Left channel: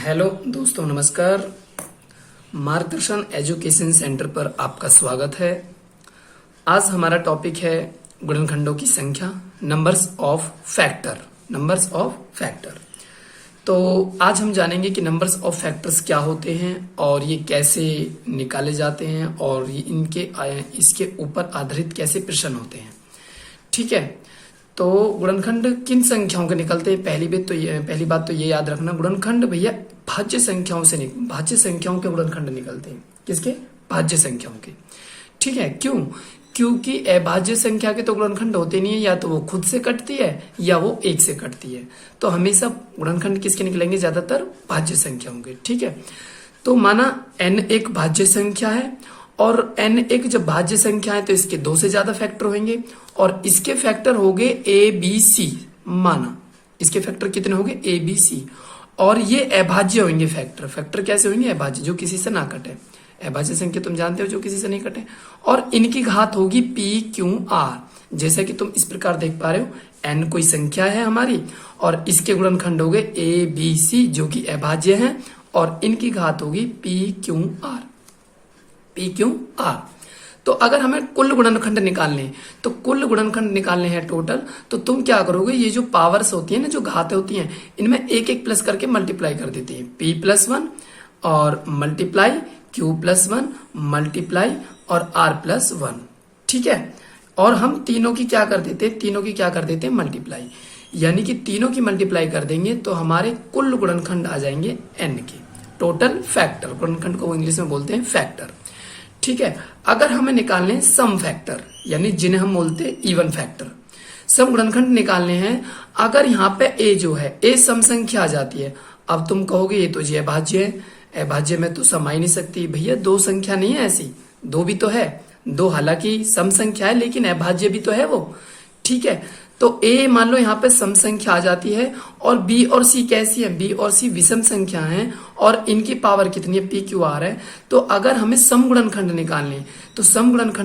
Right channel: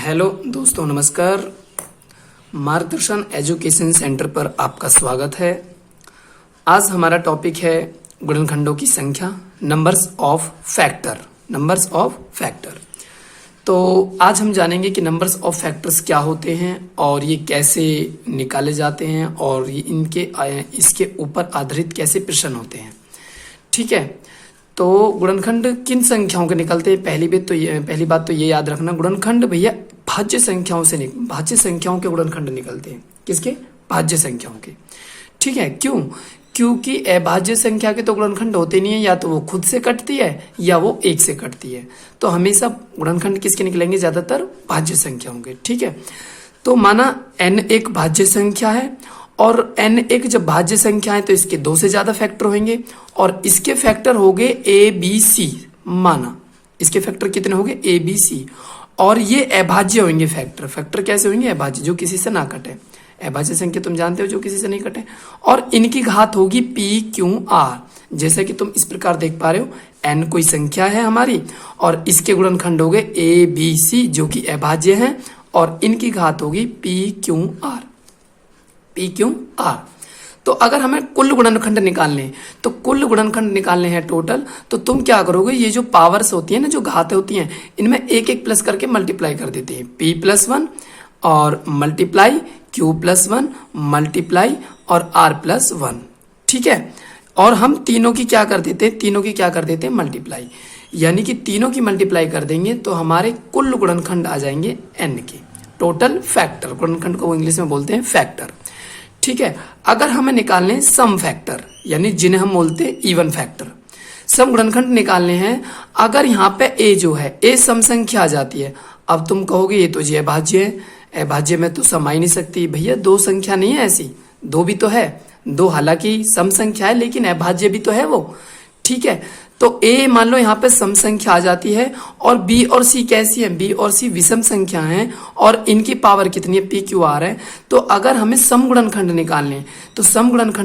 Hello दोस्तों, नमस्कार। मार्गदर्शन एजुकेशन सेंटर पर आपका स्वागत है। आज हमारा टॉपिक है गुणनखंडों की संख्या, numbers of factor. Numbers of factor. तो आज हम जानेंगे कि नंबर्स ऑफ फैक्टर्स क्या होते हैं और ये कैसे निकाले जाते हैं और ये इसके ऊपर आधारित कैसे प्रश्न होते हैं। ठीक है, तो गुणनखंड किन संख्याओं के निकलते हैं? पहली बात तो ये याद रखना, गुणनखंड भैया भाज्य संख्याओं के गुणनखंड निकलते हैं। किसके? भाज्य संख्याओं के। ठीक है, क्यों? क्योंकि अभाज्य संख्या के तो गुणनखंड होते नहीं है, या तो वो खुद से कटती है या वो एक से कटती है। तो हमेशा गुणनखंड किसके निकलेंगे? ज्यादातर भाज्य संख्याओं के। ठीक है, तो माना n एक भाज्य संख्या है और n एक जब भाज्य संख्या है तो इसके दो से ज्यादा फैक्टर होंगे और इसके फैक्टर हो गए ए बी सी। माना इसके फैक्टर कितने हो गए? A B C. और ये अभाज्य होंगे फैक्टर कैसे होंगे? अभाज्य, जो किसी से ना कटे। अभाज्य संख्या तुम जानते हो, जो किसी से नहीं कटे। और इनकी घात होगी पी क्यू आर। जैसे कि तुम इस प्रकार देख पा रहे हो, n कोई संख्या है हमारी और इसके गुणनखंड हो गए ए बी सी, जो कि अभाज्य हैं, और इनकी घात होगी P Q R. P Q R. तो अगर हमें कुल गुणनखंड निकालने हैं, तो कुल गुणनखंड निकालने हैं टोटल, तो तुम क्या करोगे? ये जो पावर्स होती है ना, जो घातें होती हैं, इनमें एक एक प्लस करके मल्टीप्लाई कर देते हैं। पी प्लस वन और multiply Q plus one multiply और आर प्लस वन। ठीक है, और हम तीनों की क्या कर देते हैं? मल्टीप्लाई। यानी कि तीनों की मल्टीप्लाई कर देंगे तो हमारे कुल गुणनखंड आ जाएंगे एन के। टोटल फैक्टर, गुणनखंड को इंग्लिश में बोलते हैं फैक्टर। ठीक है, अगर हमें निकालने सम फैक्टर, यानी जिन्हें हम बोलते हैं इवन फैक्टर, सम गुणनखंड निकालने हैं। अगर यहाँ पे ए जो है, ए सम संख्या आ जाती है। अब तुम कहोगे ये तो जी अभाज्य है, अभाज्य में तो सम आ ही नहीं सकती। भैया दो संख्या नहीं है ऐसी, दो भी तो है। दो हालांकि सम संख्या है लेकिन अभाज्य भी तो है वो। ठीक है, तो ए मान लो यहाँ पे सम संख्या आ जाती है और बी और सी कैसी है? बी और सी विषम संख्या हैं और इनकी पावर कितनी है? पी क्यू आर है। तो अगर हमें सम गुणनखंड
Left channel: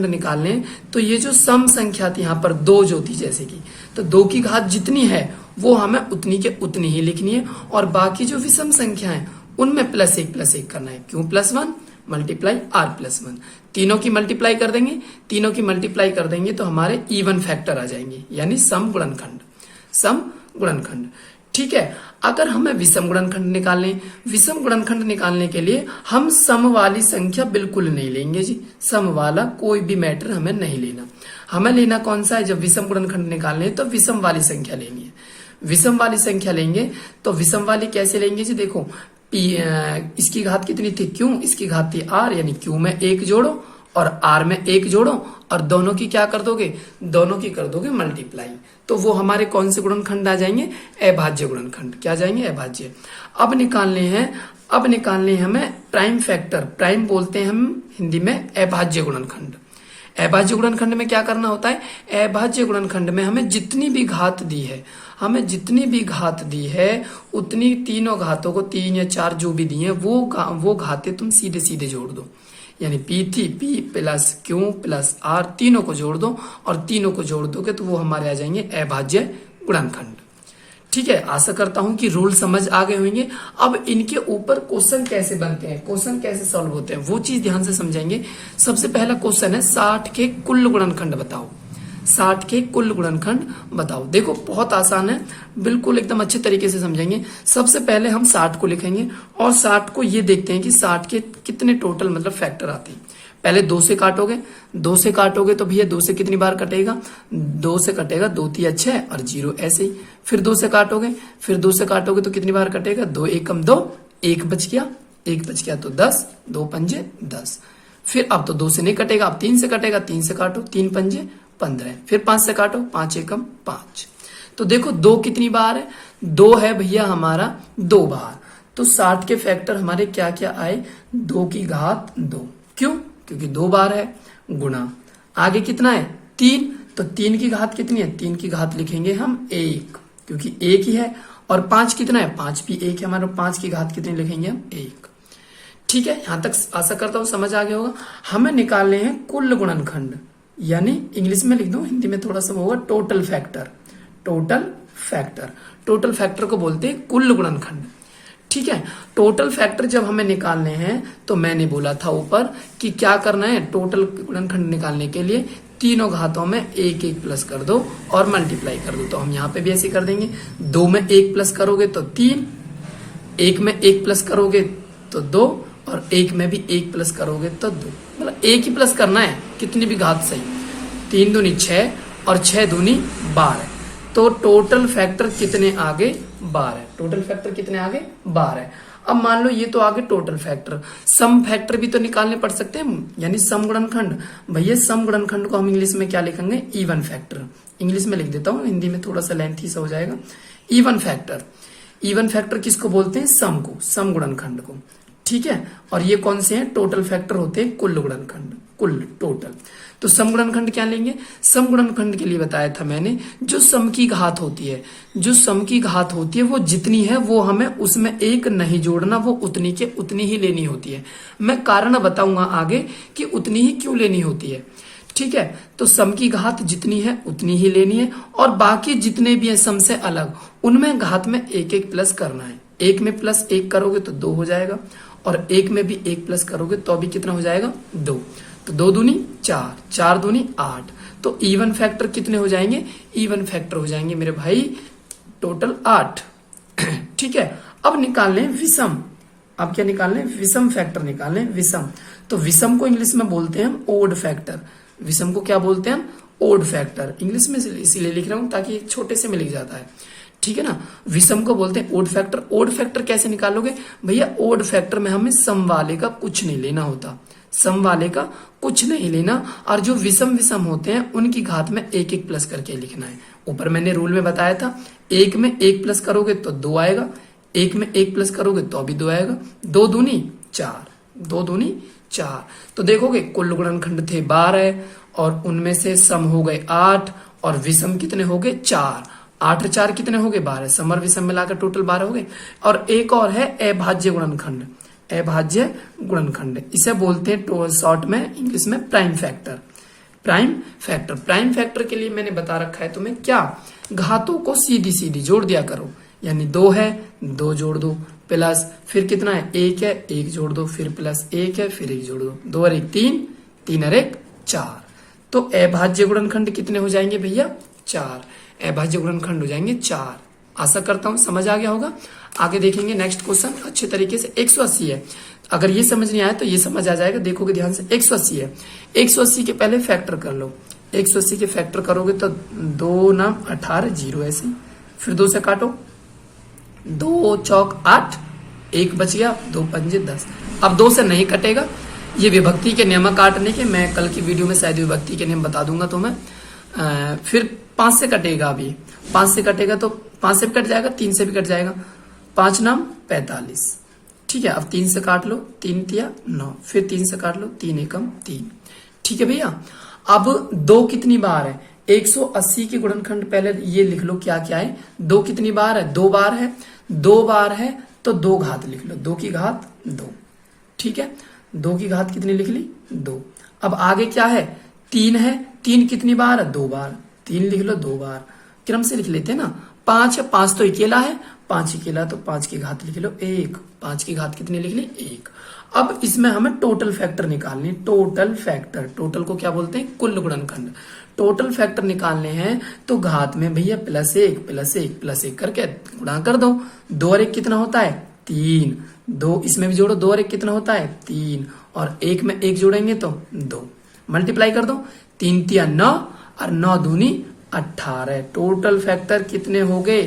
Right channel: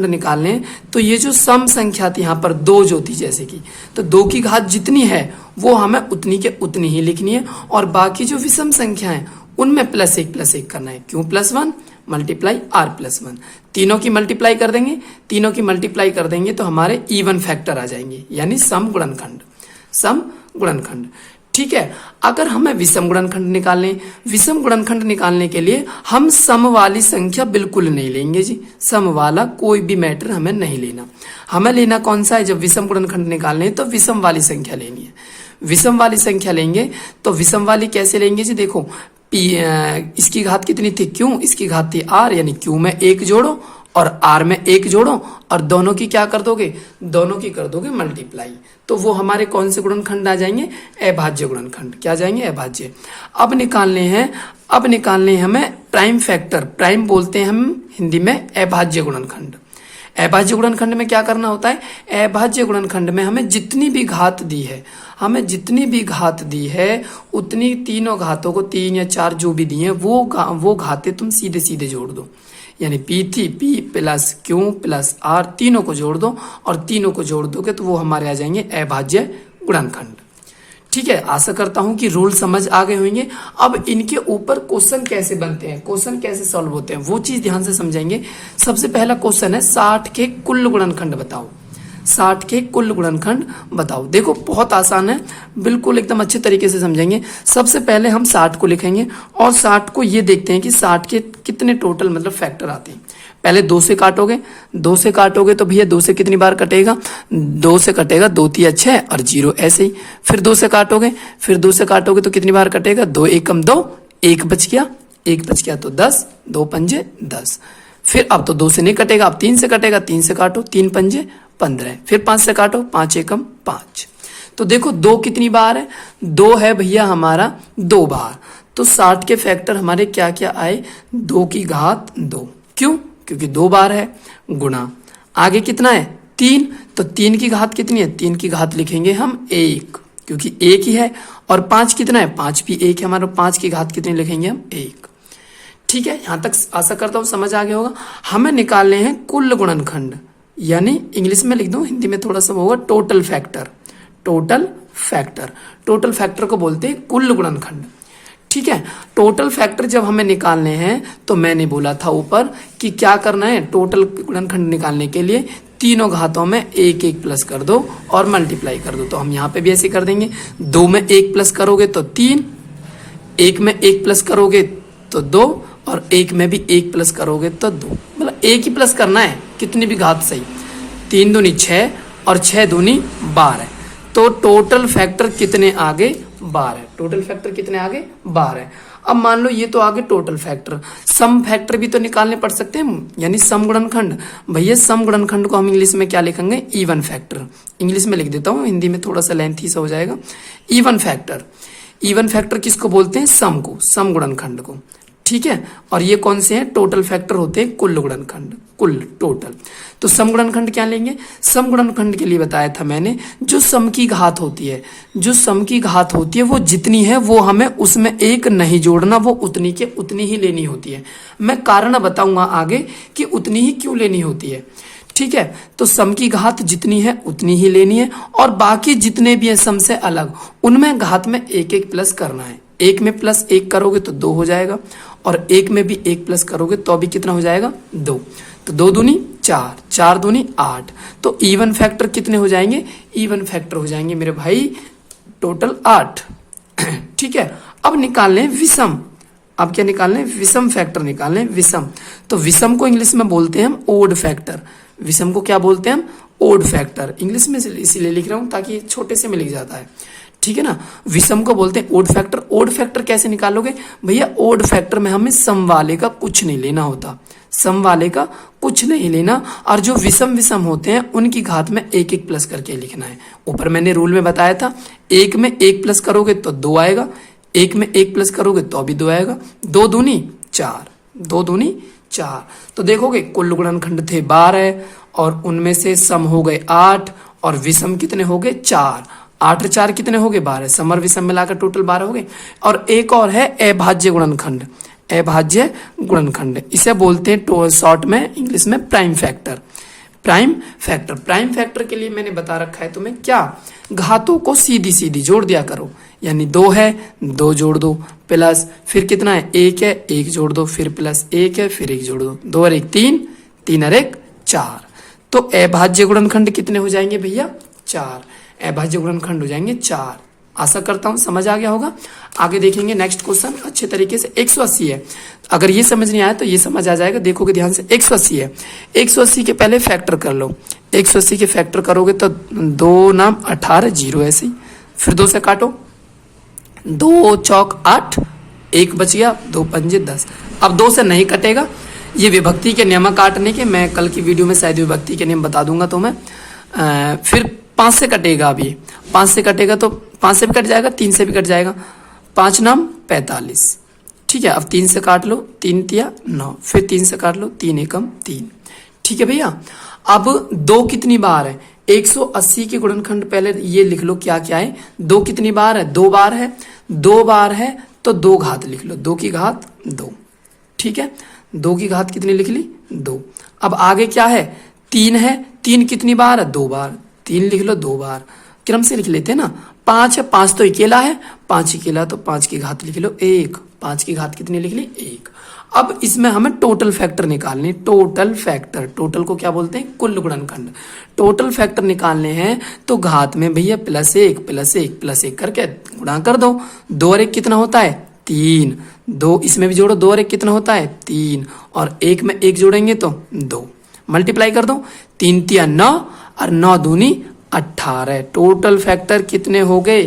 निकालने, तो ये जो सम संख्या थी यहाँ पर दो जो थी, जैसे कि, तो दो की घात जितनी है वो हमें उतनी के उतनी ही लिखनी है और बाकी जो विषम संख्या है उनमें प्लस एक करना है। Q plus one multiply R plus one. तीनों की मल्टीप्लाई कर देंगे तो हमारे इवन फैक्टर आ जाएंगे, यानी सम गुणनखंड। ठीक है, अगर हमें विषम गुणनखंड निकालने के लिए हम सम वाली संख्या बिल्कुल नहीं लेंगे जी। सम वाला कोई भी मैटर हमें नहीं लेना। हमें लेना कौन सा है? जब विषम गुणनखंड निकालने तो विषम वाली संख्या लेनी है। विषम वाली संख्या लेंगे तो विषम वाली कैसे लेंगे जी? देखो, इसकी घात कितनी थी? क्यू, इसकी घात थी आर, यानी क्यू में एक जोड़ो और आर में एक जोड़ो और दोनों की क्या कर दोगे? दोनों की कर दोगे मल्टीप्लाई। तो वो हमारे कौन से गुणनखंड आ जाएंगे? अभाज्य गुणनखंड। क्या जाएंगे? अभाज्य। अब निकालने हैं हमें प्राइम फैक्टर। प्राइम बोलते हैं हम हिंदी में अभाज्य गुणनखंड। अभाज्य गुणनखंड में क्या करना होता है? अभाज्य गुणनखंड में हमें जितनी भी घात दी है उतनी तीनों घातों को, तीन या चार जो भी दी है, वो घातें तुम सीधे सीधे जोड़ दो। यानी पी थी, P plus Q plus R, तीनों को जोड़ दो और तीनों को जोड़ दोगे तो वो हमारे आ जाएंगे अभाज्य गुणनखंड। ठीक है, आशा करता हूं कि रूल समझ आ गए होंगे। अब इनके ऊपर क्वेश्चन कैसे बनते हैं, क्वेश्चन कैसे सॉल्व होते हैं, वो चीज ध्यान से समझेंगे। सबसे पहला क्वेश्चन है 60 के कुल गुणनखंड बताओ। 60 के कुल गुणनखंड बताओ। देखो बहुत आसान है, बिल्कुल एकदम अच्छे तरीके से समझेंगे। सबसे पहले हम 60 को लिखेंगे और 60 को ये देखते हैं कि 60 के कितने टोटल मतलब फैक्टर आते हैं। पहले दो से काटोगे तो भैया दो से कितनी बार कटेगा? दो से कटेगा, दो तिया 6 और 0 ऐसे ही। फिर दो से काटोगे तो कितनी बार कटेगा? दो एकम दो, एक बच गया तो 10, दो पंजे 10। फिर अब तो दो से नहीं कटेगा, अब 3 से कटेगा, 3 से काटो, 3 पंजे 15। फिर 5 से काटो, 5 एकम 5। तो देखो दो कितनी बार है? दो है भैया हमारा 2 बार। तो 60 के फैक्टर हमारे क्या क्या आए? 2 की घात 2। क्यों? क्योंकि 2 बार है। गुणा आगे कितना है? 3। तो 3 की घात कितनी है? 3 की घात लिखेंगे हम 1, क्योंकि 1 ही है। और 5 कितना है? 5 भी 1 है हमारा। 5 की घात कितनी लिखेंगे हम? 1। ठीक है, यहां तक आशा करता हूं समझ आ गया होगा। हमें निकालने हैं कुल गुणनखंड, यानी इंग्लिश में लिख दो, हिंदी में थोड़ा सा होगा टोटल फैक्टर। टोटल फैक्टर को बोलते हैं कुल गुणनखंड। ठीक है। टोटल फैक्टर जब हमें निकालने हैं तो मैंने बोला था ऊपर कि क्या करना है, टोटल गुणनखंड निकालने के लिए तीनों घातों में एक एक प्लस कर दो और मल्टीप्लाई कर दो। तो हम यहाँ पे भी ऐसे कर देंगे, 2 में 1 प्लस करोगे तो 3, 1 में 1 प्लस करोगे तो 2 और 1 में भी 1 प्लस करोगे तो 2। मतलब एक ही प्लस करना है, कितनी भी घात सही। 3 दूनी 6 और 6 दूनी 12। तो टोटल फैक्टर कितने आगे, 12। टोटल फैक्टर कितने आगे, 12। अब मान लो ये तो आगे टोटल फैक्टर, सम फैक्टर भी तो निकालने पड़ सकते हैं, यानी सम गुणनखंड। भैया सम गुणनखंड को हम इंग्लिश में क्या लिखेंगे, इवन फैक्टर। इंग्लिश में लिख देता हूँ, हिंदी में थोड़ा सा लेंथी सा हो जाएगा। इवन फैक्टर, इवन फैक्टर किसको बोलते हैं, सम को, सम गुणनखंड को। ठीक है। और ये कौन से हैं, टोटल फैक्टर होते हैं कुल गुणनखंड, कुल टोटल। तो सम गुणनखंड क्या लेंगे, सम गुणनखंड के लिए बताया था मैंने, जो सम की घात होती है, जो सम की घात होती है वो जितनी है वो हमें उसमें एक नहीं जोड़ना, वो उतनी के उतनी ही लेनी होती है। मैं कारण बताऊंगा आगे कि उतनी ही क्यों लेनी होती है। ठीक है। तो सम की घात जितनी है उतनी ही लेनी है, और बाकी जितने भी हैं सम से अलग, उनमें घात में एक एक प्लस करना है। 1 में प्लस 1 करोगे तो 2 हो जाएगा, और 1 में भी 1 प्लस करोगे तो अभी कितना हो जाएगा, 2। तो 2 दूनी 4, 4 दूनी 8। तो इवन फैक्टर कितने हो जाएंगे, इवन फैक्टर हो जाएंगे मेरे भाई टोटल 8। ठीक है। अब निकालने विषम, अब क्या निकालने, विषम फैक्टर निकालने, विषम। तो विषम को इंग्लिश में बोलते हैं हम ओड फैक्टर। विषम को क्या बोलते हैं हम, ओड फैक्टर। इंग्लिश में इसीलिए लिख रहा हूं ताकि छोटे से में लिख जाता है। ठीक है ना। विषम को बोलते हैं ओड फैक्टर। ओड फैक्टर कैसे निकालोगे भैया, ओड फैक्टर में हमें सम वाले का कुछ नहीं लेना होता, सम वाले का कुछ नहीं लेना, और जो विषम विषम होते हैं उनकी घात में एक एक प्लस करके लिखना है। ऊपर मैंने रूल में बताया था, 1 में 1 प्लस करोगे तो 2 आएगा, 1 में 1 प्लस करोगे तो भी 2 आएगा। 2 दूनी 4, 2 दूनी 4। तो देखोगे कुल गुणनखंड थे 12 और उनमें से सम हो गए 8 और विषम कितने हो गए 4। 8 और 4 कितने हो गए 12, सम और विषम मिलाकर टोटल 12 हो गए। और एक और है अभाज्य गुणनखंड, अभाज्य गुणनखंड, इसे बोलते हैं शॉर्ट में इंग्लिश में prime factor. Prime factor, prime factor के लिए मैंने बता रखा है तुम्हें क्या, घातों को सीधी सीधी जोड़ दिया करो। यानी 2 है 2 जोड़ दो, प्लस फिर कितना है 1 है 1 जोड़ दो, फिर प्लस 1 है फिर 1 जोड़ दो, 2 और 1 3, 3 और 1 4। तो अभाज्य गुणनखंड कितने हो जाएंगे भैया 4, अभाज्य गुणनखंड हो जाएंगे 4। आशा करता हूं समझ आ गया होगा। आगे देखेंगे नेक्स्ट क्वेश्चन अच्छे तरीके से। 180 है, अगर ये समझ नहीं आया तो ये समझ आ जाएगा, देखोगे ध्यान से। 180 है, 180 के पहले फैक्टर कर लो। 180 के फैक्टर करोगे तो 2 नाम 18 0 ऐसे ही, फिर 2 से काटो, 2 चौक 8, 1 बच गया, 2 पंजे 10। अब 2 से नहीं कटेगा, ये विभक्ति के नियम काटने के, मैं कल की वीडियो में शायद विभक्ति के नियम बता दूंगा तो मैं फिर 5 से कटेगा। अभी 5 से कटेगा तो 5 से भी कट जाएगा, 3 से भी कट जाएगा, 5 नाम 45। ठीक है। अब 3 से काट लो, 3 तिया 9, फिर 3 से काट लो, 3 एकम 3। ठीक है भैया। अब 2 कितनी बार है, 180 के गुणनखंड पहले ये लिख लो क्या क्या है। 2 कितनी बार है, 2 बार है, 2 बार है तो 2 घात लिख लो, 2 की घात 2। ठीक है। 2 की घात कितनी लिख ली 2। अब आगे क्या है, 3 है, 3 कितनी बार है, 2 बार, 3 लिख लो 2 बार, क्रम से लिख लेते हैं ना। 5 है, 5 तो अकेला है, 5 अकेला तो 5 की घात लिख लो 1, 5 की घात कितनी लिख ली 1। अब इसमें हमें टोटल फैक्टर निकालने, टोटल फैक्टर, टोटल को क्या बोलते हैं कुल गुणनखंड। टोटल फैक्टर निकालने हैं तो घात में भैया +1 +1 +1 करके गुणा कर दो। 2 और 1 कितना होता है 3, 2 इसमें भी जोड़ो, 2 और 1 कितना होता है 3, और 1 में 1 जोड़ेंगे तो 2, मल्टीप्लाई कर दो, 3 तिया 9 और 9 दूनी 18। टोटल फैक्टर कितने हो गए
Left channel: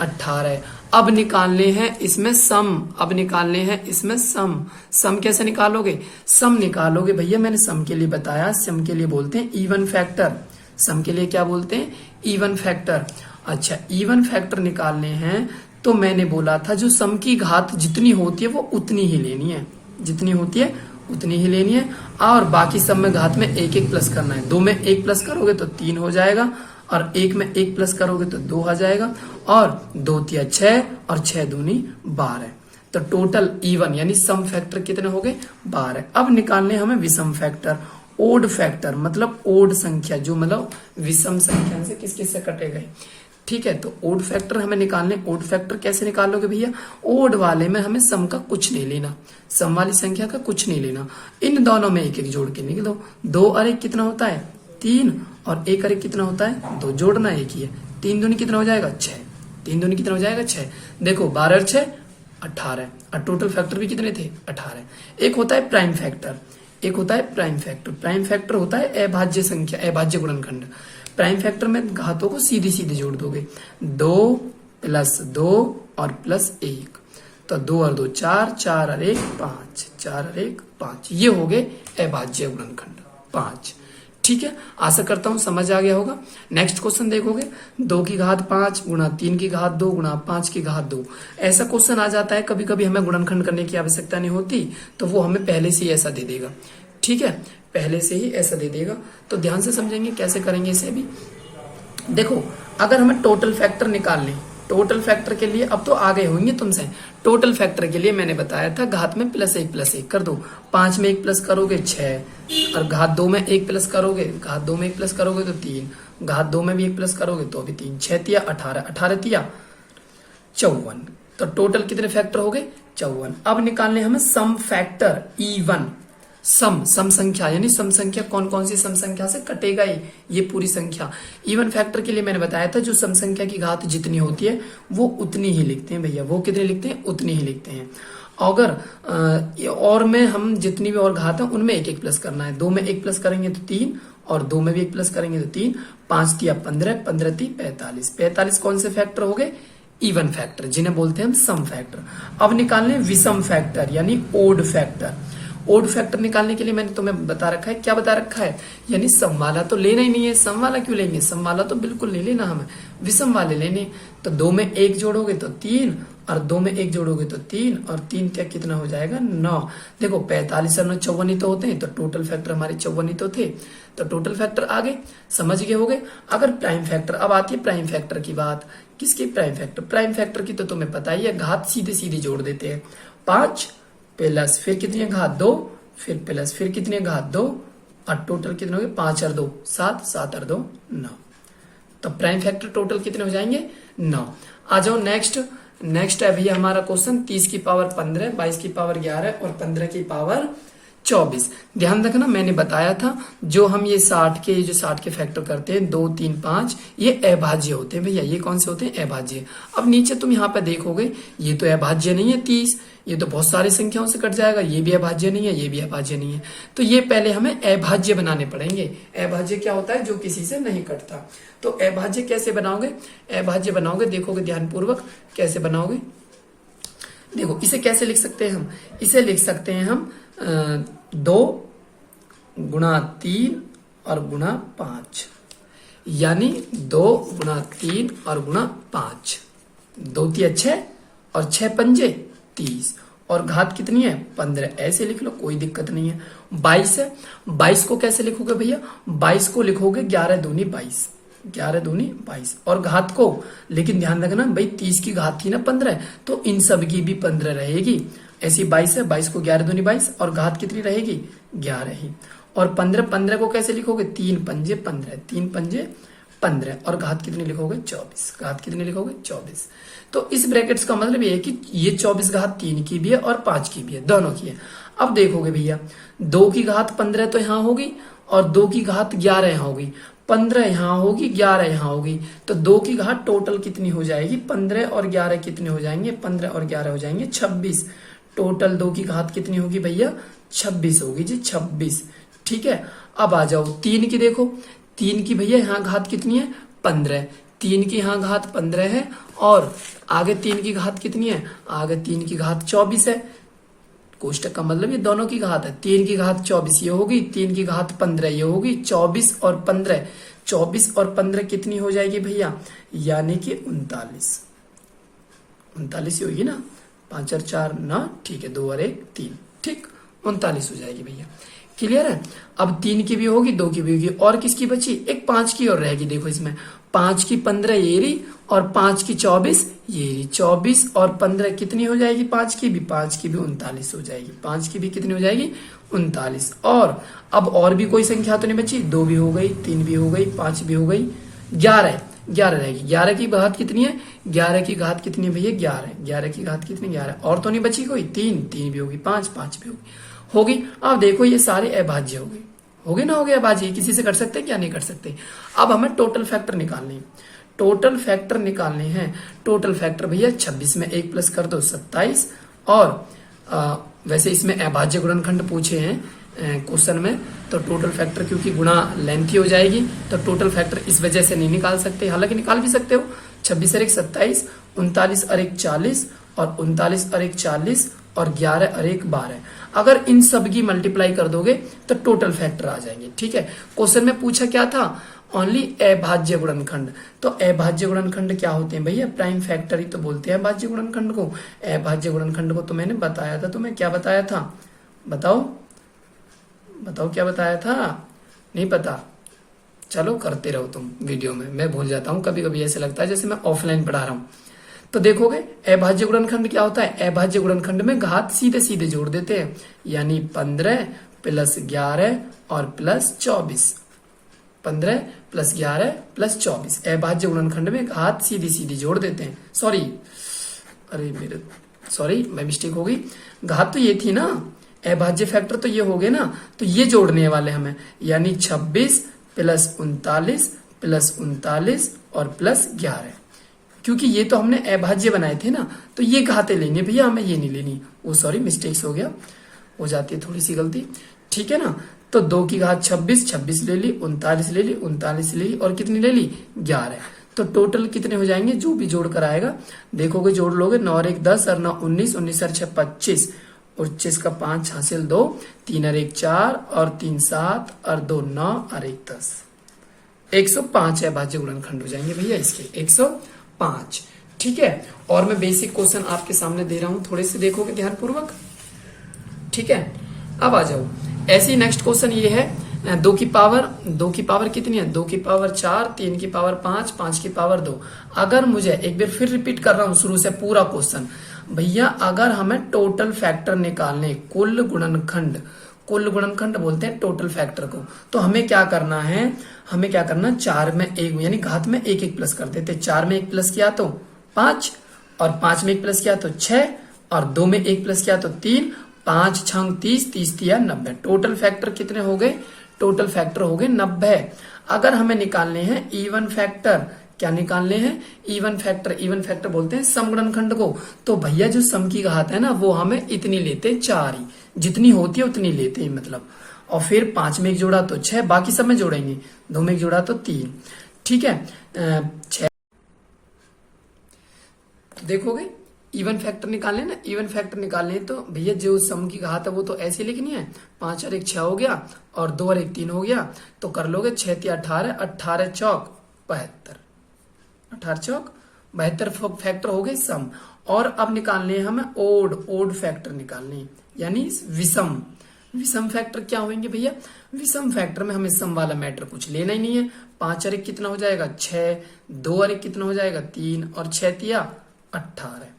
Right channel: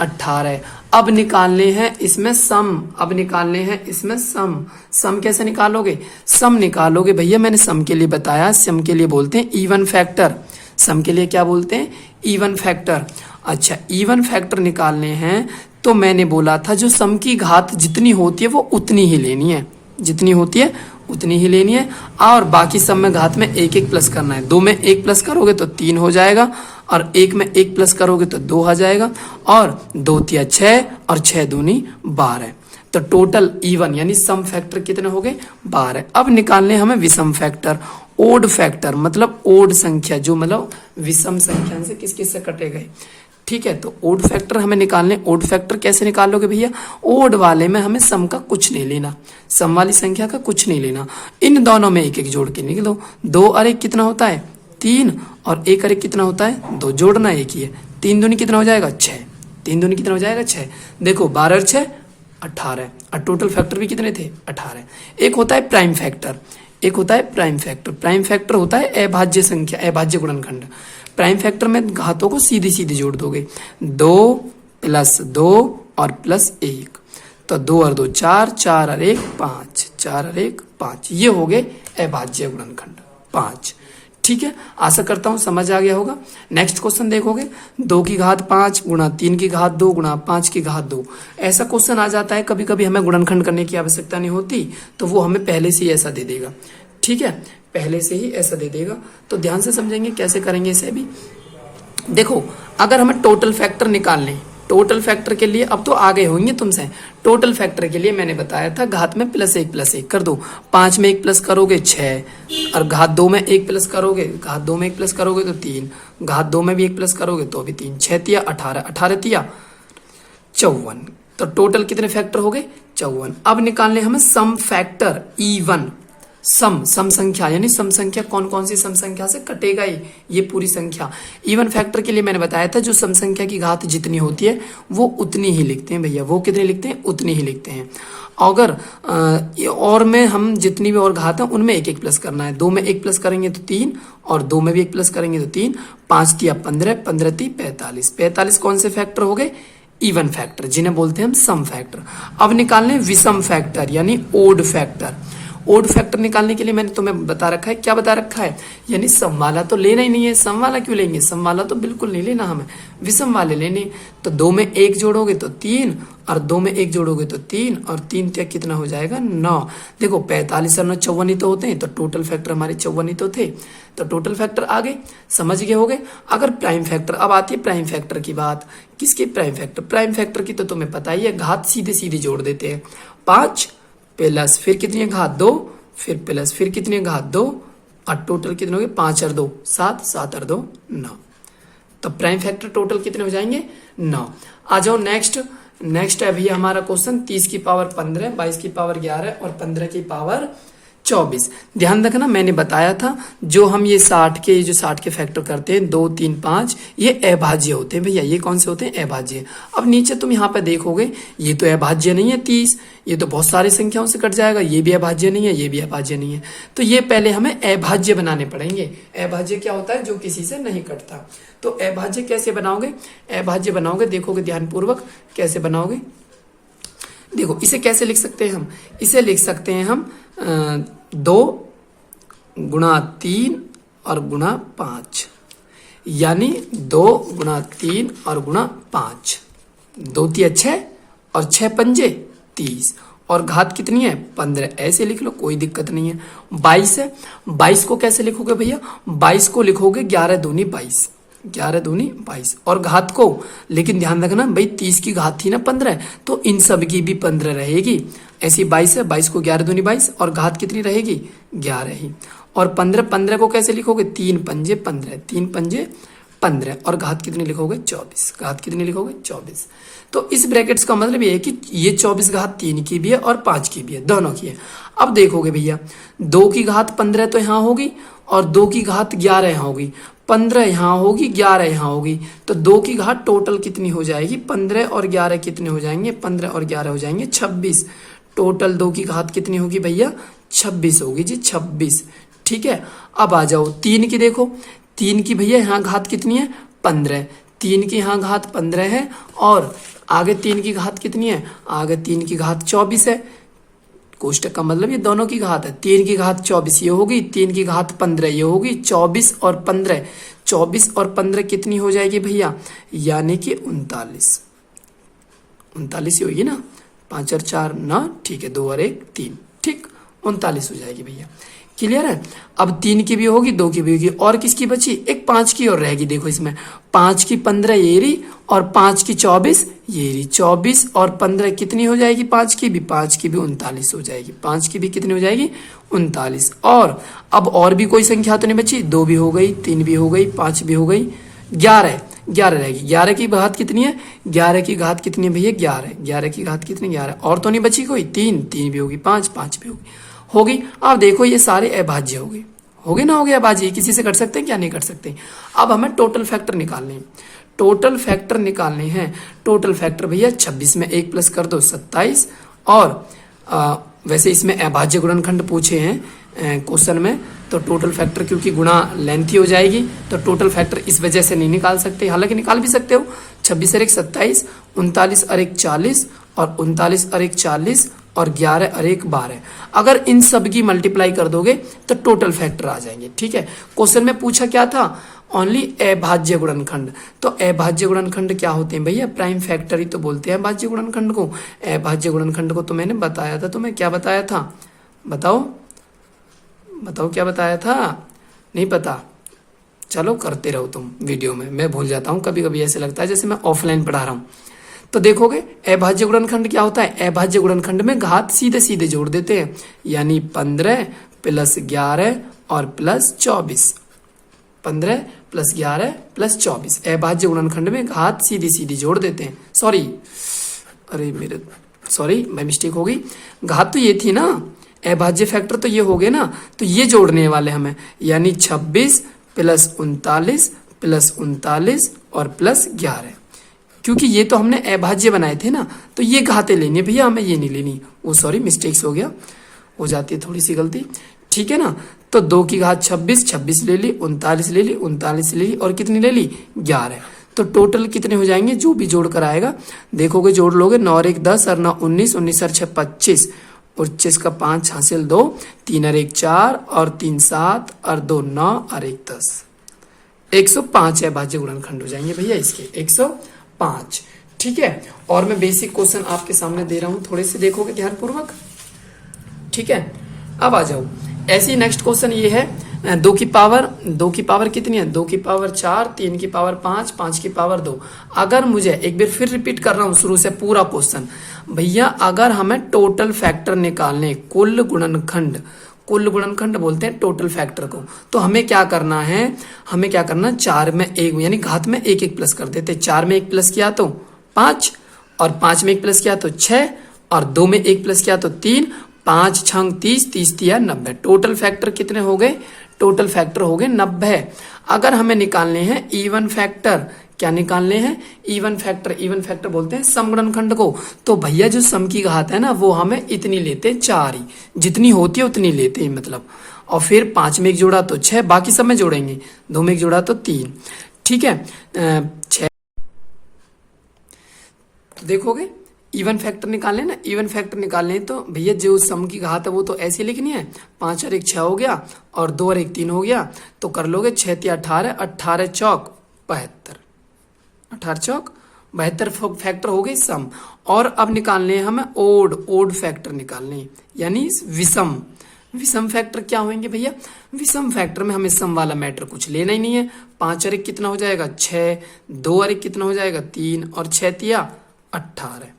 18। अब निकालने हैं इसमें सम, अब निकालने हैं इसमें सम। सम कैसे निकालोगे, सम निकालोगे भैया मैंने सम के लिए बताया, सम के लिए बोलते हैं इवन फैक्टर। सम के लिए क्या बोलते हैं इवन फैक्टर। अच्छा, इवन फैक्टर निकालने हैं तो मैंने बोला था जो सम की घात जितनी होती है वो उतनी ही लेनी है, जितनी होती है उतनी ही लेनी है, और बाकी सब में घात में एक एक प्लस करना है। 2 में 1 प्लस करोगे तो 3 हो जाएगा, और 1 में 1 प्लस करोगे तो 2 आ जाएगा, और 2 तिया 6 और 6 दूनी 12। तो टोटल इवन यानी सम फैक्टर कितने हो गए 12। अब निकालने हमें विषम फैक्टर, ओड फैक्टर मतलब ओड संख्या, जो मतलब विषम संख्या से किस किस से कटे गए। ठीक है, तो ओड फैक्टर हमें निकालने। ओड फैक्टर कैसे निकालोगे भैया? ओड वाले में हमें सम का कुछ नहीं लेना, सम वाली संख्या का कुछ नहीं लेना, इन दोनों में एक एक जोड़ के निकल दो। 2 और 1 कितना होता है? 3, और 1 और 1 कितना होता है? 2, जोड़ना एक ही है। 3 दूनी कितना हो जाएगा? 6। 3 दूनी कितना हो जाएगा? 6। देखो 12 और 6 18, और टोटल फैक्टर भी कितने थे? 18। एक होता है प्राइम फैक्टर, एक होता है प्राइम फैक्टर। प्राइम फैक्टर होता है अभाज्य संख्या, अभाज्य गुणनखंड। प्राइम फैक्टर में घातों को सीधे सीधे जोड़ दोगे, 2 + 2 और +1, तो 2 और 2 4, 4 और 1 5, 4 और 1 5, ये हो गए अभाज्य गुणनखंड 5। ठीक है, आशा करता हूं समझ आ गया होगा। नेक्स्ट क्वेश्चन देखोगे, 2 की घात 5 गुणा 3 की घात 2 गुणा 5 की घात 2, ऐसा क्वेश्चन आ जाता है। कभी कभी हमें गुणनखंड करने की आवश्यकता नहीं होती, तो वो हमें पहले से ही ऐसा दे देगा। ठीक है, पहले से ही ऐसा दे देगा, तो ध्यान से समझेंगे कैसे करेंगे इसे भी। देखो, अगर हमें टोटल फैक्टर निकालने, टोटल फैक्टर के लिए अब तो आ गए होंगे तुमसे। टोटल फैक्टर के लिए मैंने बताया था घात में +1 +1 कर दो। 5 में 1 प्लस करोगे 6, और घात 2 में 1 प्लस करोगे, घात 2 में 1 प्लस करोगे तो 3, घात 2 में भी 1 प्लस करोगे तो भी 3, 6 तिया 18, 18 तिया 54, तो टोटल कितने फैक्टर हो गए? 54। अब निकालने हमें सम फैक्टर इवन, सम संख्या, यानी सम संख्या कौन कौन सी सम संख्या से कटेगा ये पूरी संख्या। इवन फैक्टर के लिए मैंने बताया था जो सम संख्या की घात जितनी होती है वो उतनी ही लिखते हैं भैया। वो कितने लिखते हैं? उतनी ही लिखते हैं। अगर और में हम जितनी भी और घात है उनमें 1 1 प्लस करना है। 2 में 1 प्लस करेंगे तो 3, और 2 में भी 1 प्लस करेंगे तो 3, 5 तिया 15, 15 ती 45, 45 कौन से फैक्टर हो गए? इवन फैक्टर, जिन्हें बोलते हैं हम सम फैक्टर। अब निकालने विषम फैक्टर यानी ओड फैक्टर। ओड फैक्टर निकालने के लिए मैंने तुम्हें बता रखा है, क्या बता रखा है? यानी सम वाला तो लेना ही नहीं है। सम वाला क्यों लेंगे? सम वाला तो बिल्कुल नहीं लेना हमें, विषम वाले लेने। तो 2 में 1 जोड़ोगे तो 3, और 2 में 1 जोड़ोगे तो 3, और 3 तक कितना हो जाएगा? 9। देखो 45 और 9 54 ही तो होते हैं, तो टोटल फैक्टर हमारे 54 ही तो थे, तो टोटल फैक्टर आ गए। समझ गए होगे। अगर प्राइम फैक्टर, अब आती है प्राइम फैक्टर की बात। किसकी? Prime factor. प्राइम फैक्टर की तो तुम्हें पता ही है, घात सीधे सीधे जोड़ देते हैं। 5 प्लस फिर कितनी घात 2, फिर प्लस फिर कितनी घात 2, और टोटल कितने हो गए? 5 और 2 7, 7 और 2 9, तो प्राइम फैक्टर टोटल कितने हो जाएंगे? 9। आ जाओ नेक्स्ट है भैया हमारा क्वेश्चन 30 की पावर 15, 22 की पावर 11 और 15 की पावर 24। ध्यान रखना, मैंने बताया था जो हम ये 60 के फैक्टर करते हैं 2 3 5, ये अभाज्य होते हैं भैया। ये कौन से होते हैं? अभाज्य। अब नीचे तुम यहाँ पे देखोगे, ये तो अभाज्य नहीं है 30, ये तो बहुत सारी संख्याओं से कट जाएगा। ये भी अभाज्य नहीं है, ये भी अभाज्य नहीं है, तो ये पहले हमें अभाज्य बनाने पड़ेंगे। अभाज्य क्या होता है? जो किसी से नहीं कटता। तो अभाज्य कैसे बनाओगे? अभाज्य बनाओगे, देखोगे ध्यानपूर्वक कैसे बनाओगे। देखो इसे कैसे लिख सकते हैं हम? इसे लिख सकते हैं हम 2 गुणा 3 और गुणा 5, यानी 2 गुणा 3 और गुणा 5, 2 तिया 6 और 6 पंजे 30, और घात कितनी है? 15। ऐसे लिख लो, कोई दिक्कत नहीं है। 22 है, 22 को कैसे लिखोगे भैया? 22 को लिखोगे 11 दूनी 22, 11 दूनी 22, और घात को, लेकिन ध्यान रखना भाई 30 की घात थी ना 15, तो इन सब की भी 15 रहेगी। ऐसी 22 है, 22 को 11 दूनी 22, और घात कितनी रहेगी? 11 ही। और 15 को कैसे लिखोगे? 3 पंजे 15, 3 पंजे 15, और घात कितनी लिखोगे? 24। घात कितनी लिखोगे? 24। तो इस ब्रैकेट्स का मतलब ये है कि ये 24 घात 3 की भी है और 5 की भी है, दोनों की है। अब देखोगे भैया 2 की घात 15 तो यहाँ होगी, और 2 की घात 11 यहाँ होगी, 15 यहाँ होगी, 11 यहाँ होगी, तो 2 की घात टोटल कितनी हो जाएगी? 15 और 11 कितने हो जाएंगे? 15 और 11 हो जाएंगे 26। टोटल 2 की घात कितनी होगी भैया? 26 होगी जी, 26। ठीक है, अब आ जाओ 3 की। देखो 3 की भैया यहाँ घात कितनी है? 15। 3 की यहाँ घात 15 है, और आगे 3 की घात कितनी है? आगे 3 की घात 24 है। कोष्टक का मतलब ये दोनों की घात है। 3 की घात 24 ये होगी, 3 की घात 15 ये होगी, 24 और 15, 24 और 15 कितनी हो जाएगी भैया? यानी कि 39। 39 ही होगी ना, 5 और 4 9, ठीक है, 2 और 1 3, ठीक 39 हो जाएगी भैया। क्लियर है? अब 3 की भी होगी, 2 की भी होगी, और किसकी बची? एक 5 की और रहेगी। देखो इसमें 5 की 15 ये रही, और 5 की 24 ये रही। 24 और 15 कितनी हो जाएगी? 5 की भी 39 हो जाएगी। 5 की भी कितनी हो जाएगी? 39। और अब और भी कोई संख्या तो नहीं बची, 2 भी हो गई, 3 भी हो गई, 5 भी हो गई, 11 11 रहेगी। 11 की घात कितनी है? 11 की घात कितनी है भैया? 11। 11 की घात कितनी? 11। और तो नहीं बची कोई? 3 3 भी होगी, 5 5 भी होगी। अब देखो ये सारे अभाज्य हो गए, हो गए ना? हो गए अभाज्य। किसी से कर सकते हैं क्या? नहीं कर सकते। अब हमें टोटल फैक्टर निकालने हैं। टोटल फैक्टर निकालने हैं। टोटल फैक्टर भैया 26 में 1 प्लस कर दो 27। और वैसे इसमें अभाज्य गुणनखंड पूछे हैं क्वेश्चन में, तो टोटल फैक्टर क्योंकि गुणा लेंथी हो जाएगी तो टोटल फैक्टर इस वजह से नहीं निकाल सकते, हालांकि निकाल भी सकते हो। 26 और 1 27, 39 और 1 40, और 39 और 1 40, और 11 और 1 12। अगर इन सब की मल्टीप्लाई कर दोगे तो टोटल फैक्टर आ जाएंगे। ठीक है, क्वेश्चन में पूछा क्या था? ओनली अभाज्य गुणनखंड। तो अभाज्य गुणनखंड क्या होते हैं भैया? प्राइम फैक्टर ही तो बोलते हैं अभाज्य गुणनखंड को। अभाज्य गुणनखंड को तो मैंने बताया था तुम्हें। क्या बताया था? बताओ बताओ, क्या बताया था? नहीं पता? चलो करते रहो तुम वीडियो में, मैं भूल जाता हूँ कभी कभी, ऐसे लगता है जैसे मैं ऑफलाइन पढ़ा रहा हूँ। तो देखोगे अभाज्य गुणनखंड क्या होता है? अभाज्य गुणनखंड में घात सीधे सीधे जोड़ देते हैं, यानी 15 प्लस 11 और प्लस 24। 15 plus 11 plus 24। अभाज्य गुणनखंड में घात सीधी सीधी जोड़ देते हैं। सॉरी मैं मिस्टेक हो गई। घात तो ये थी ना, अभाज्य फैक्टर तो ये हो गए ना, तो ये जोड़ने वाले हमें, यानी 26 प्लस 39 प्लस 39 और प्लस 11। क्योंकि ये तो हमने अभाज्य बनाए थे ना, तो ये घातें लेनी है भैया, हमें ये नहीं लेनी। वो सॉरी मिस्टेक्स हो गया, हो जाती है थोड़ी सी गलती। ठीक है ना? तो 2 की घात 26, 26 ले ली, 39 ले ली, 39 ले ली, और कितनी ले ली? 11। तो टोटल कितने हो जाएंगे? जो भी जोड़ कर आएगा देखोगे, जोड़ लोगे, 9 और 1 10 और 9 19, 19 और 6 25, और 25 का 5 हासिल 2, 3 और 1 4, और 3 7, और 2 9, और 1 10। 105 अभाज्य गुणनखंड हो जाएंगे भैया इसके, 105। ठीक है, और मैं बेसिक क्वेश्चन आपके सामने दे रहा हूं, थोड़े से देखोगे ध्यानपूर्वक। ठीक है, अब आ जाओ। ऐसी नेक्स्ट क्वेश्चन ये है, 2 की पावर कितनी है? 2 की पावर 4, 3 की पावर 5, 5 की पावर 2। अगर मुझे, एक बार फिर रिपीट कर रहा हूं शुरू से पूरा क्वेश्चन भैया, अगर हमें टोटल फैक्टर निकालने, कुल गुणनखंड बोलते हैं टोटल फैक्टर को, तो हमें क्या करना है? 4 में 1 यानी घात में 1 1 प्लस कर देते। 4 में 1 प्लस किया तो 5, और 5 में 1 प्लस किया तो 6, और 2 में 1 प्लस किया तो 3, 5 6 30, 30 तिया 90। टोटल फैक्टर कितने हो गए? टोटल फैक्टर हो गए 90। अगर हमें निकालने हैं इवन फैक्टर, क्या निकालने हैं? इवन फैक्टर बोलते हैं सम गुणनखंड को। तो भैया जो सम की घात है ना, वो हमें इतनी लेते हैं, 4 ही, जितनी होती है उतनी लेते हैं मतलब। और फिर 5 में 1 जोड़ा तो 6, बाकी सब में जोड़ेंगे, 2 में 1 जोड़ा तो 3। ठीक है, 6 देखोगे इवन फैक्टर निकालने ना, इवन फैक्टर निकालने तो भैया जो सम की घात है वो तो ऐसी लिखनी है, 5 और 1 6 हो गया, और 2 और 1 3 हो गया, तो कर लोगे 6 तिया 18, 18 चौक 72, 18 चौक 72 फैक्टर हो गए सम। और अब निकालने हैं हमें ओड फैक्टर निकालने हैं, यानी विषम फैक्टर क्या होंगे भैया? विषम फैक्टर में हमें सम वाला मैटर कुछ लेना ही नहीं है। 5 और 1 कितना हो जाएगा? 6, 2 और 1 कितना हो जाएगा? 3, और 6 तिया 18।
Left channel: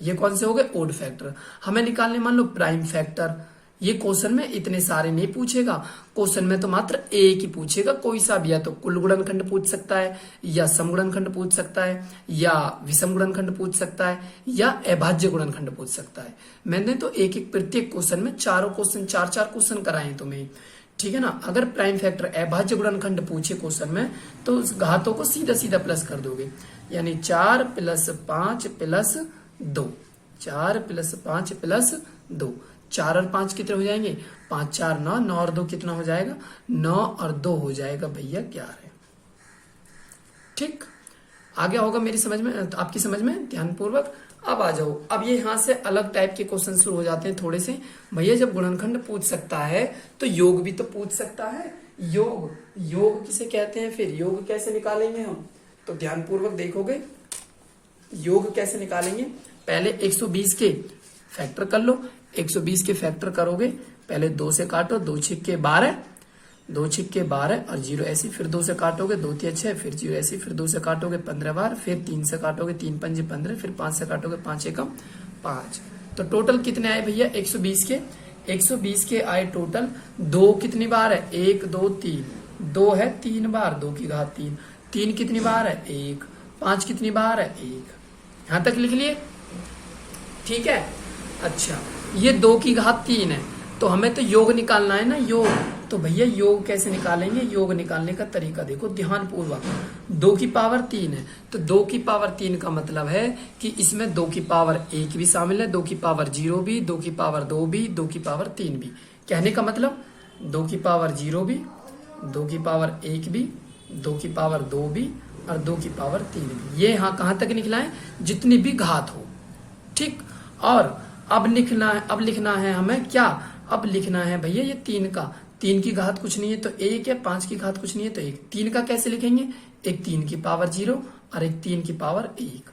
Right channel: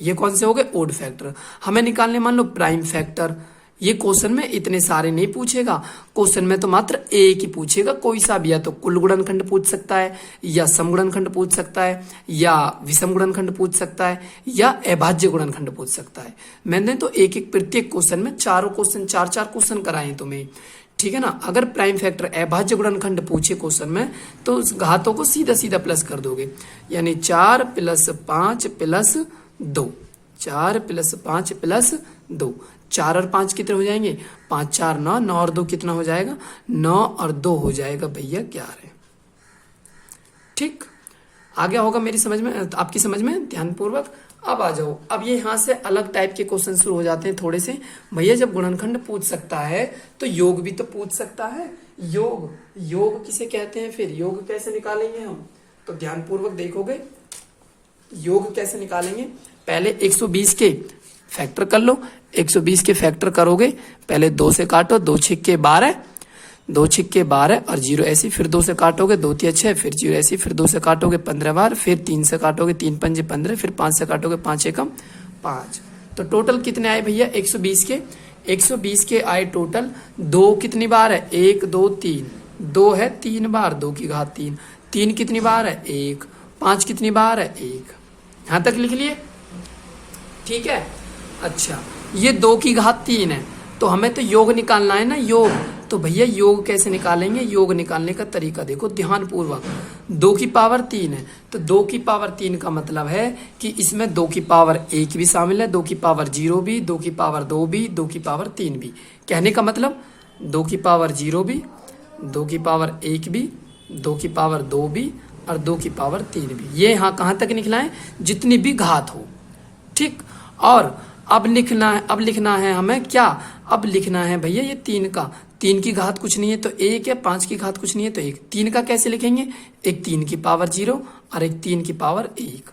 ये कौन से हो गए? Odd factor. हमें निकालने मान लो प्राइम फैक्टर। ये क्वेश्चन में इतने सारे नहीं पूछेगा, क्वेश्चन में तो मात्र एक ही पूछेगा, कोई सा भी, या तो कुल गुणनखंड पूछ सकता है, या सम गुणनखंड पूछ सकता है, या विषम गुणनखंड पूछ सकता है, या अभाज्य गुणनखंड पूछ सकता है। मैंने तो एक एक प्रत्येक क्वेश्चन में चार चार क्वेश्चन कराए तुम्हें। ठीक है ना? अगर प्राइम फैक्टर अभाज्य गुणनखंड पूछे क्वेश्चन में, तो उस घातों को सीधा सीधा प्लस कर दोगे, यानी 4 प्लस 5 प्लस 2, 4 प्लस 5 प्लस 2, 4 और 5 कितने हो जाएंगे? 5 4 9, 9 और 2 कितना हो जाएगा? 9 और 2 हो जाएगा भैया 11। ठीक, आ गया होगा मेरी समझ में, आपकी समझ में ध्यानपूर्वक। अब आ जाओ, अब ये यहाँ से अलग टाइप के क्वेश्चन शुरू हो जाते हैं थोड़े से। भैया जब गुणनखंड पूछ सकता है तो योग भी तो पूछ सकता है। योग किसे कहते हैं? फिर योग कैसे निकालेंगे हम? तो ध्यानपूर्वक देखोगे योग कैसे निकालेंगे। पहले 120 के फैक्टर कर लो। 120 के फैक्टर करोगे, पहले 2 से काटो, 2 छिक्के 12, 2 छिक्के 12 और 0 ऐसी, फिर 2 से काटोगे, 2 तिया 6, फिर 0 ऐसी, फिर 2 से काटोगे 15 बार, फिर 3 से काटोगे, 3 पंजे 15, फिर 5 से काटोगे, 5 एकम 5। तो टोटल कितने आए भैया? 120 के 120 के आए टोटल। 2 कितनी बार है? 1 2 3, 2 है 3 बार, 2 की घात 3, 3 कितनी बार है 1, 5 कितनी बार है 1। यहां तक लिख लिए, ठीक है। अच्छा, ये 2 की घात 3 है, तो हमें तो योग निकालना है ना, योग। तो भैया योग कैसे निकालेंगे, योग निकालने का तरीका देखो ध्यान पूर्वक। 2 की पावर 3 है, तो 2 की पावर 3 का मतलब है कि इसमें 2 की पावर 1 भी शामिल है, 2 की पावर 0 भी, 2 की पावर 2 भी, 2 की पावर 3 भी। कहने का मतलब 2 की पावर 0 भी, 2 की पावर 1 भी, 2 की पावर 2 भी और 2 की पावर 3 भी। ये यहाँ कहाँ तक निकला है, जितनी भी घात हो, ठीक। और अब लिखना है हमें क्या, अब लिखना है भैया ये 3 का, 3 की घात कुछ नहीं है तो 1 है, 5 की घात कुछ नहीं है तो 1। 3 का कैसे लिखेंगे, एक 3 की पावर 0 और एक 3 की पावर 1।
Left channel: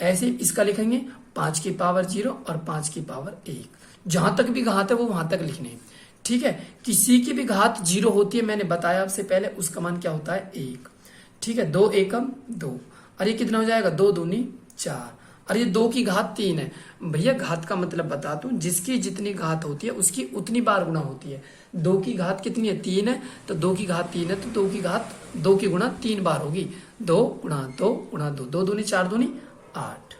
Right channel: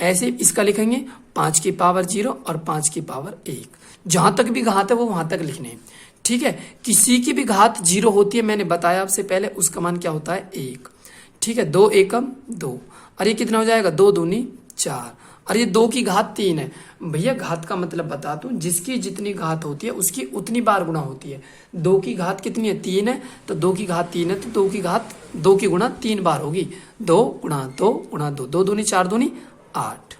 ऐसे इसका लिखेंगे 5 की पावर 0 और 5 की पावर 1। जहां तक भी घात है वो वहां तक लिखने हैं, ठीक है। किसी की भी घात 0 होती है, मैंने बताया आपसे पहले, उसका मान क्या होता है 1, ठीक है। 2 एकम 2, और ये कितना हो जाएगा 2 दूनी 4, और ये 2 की घात 3 है। भैया घात का मतलब बता दूं, जिसकी जितनी घात होती है उसकी उतनी बार गुणा होती है। 2 की घात कितनी है 3 है, तो 2 की घात 3 है, तो 2 की घात 2 की गुणा 3 बार होगी। 2 गुणा 2 गुणा 2, 2 दूनी 4 दूनी 8,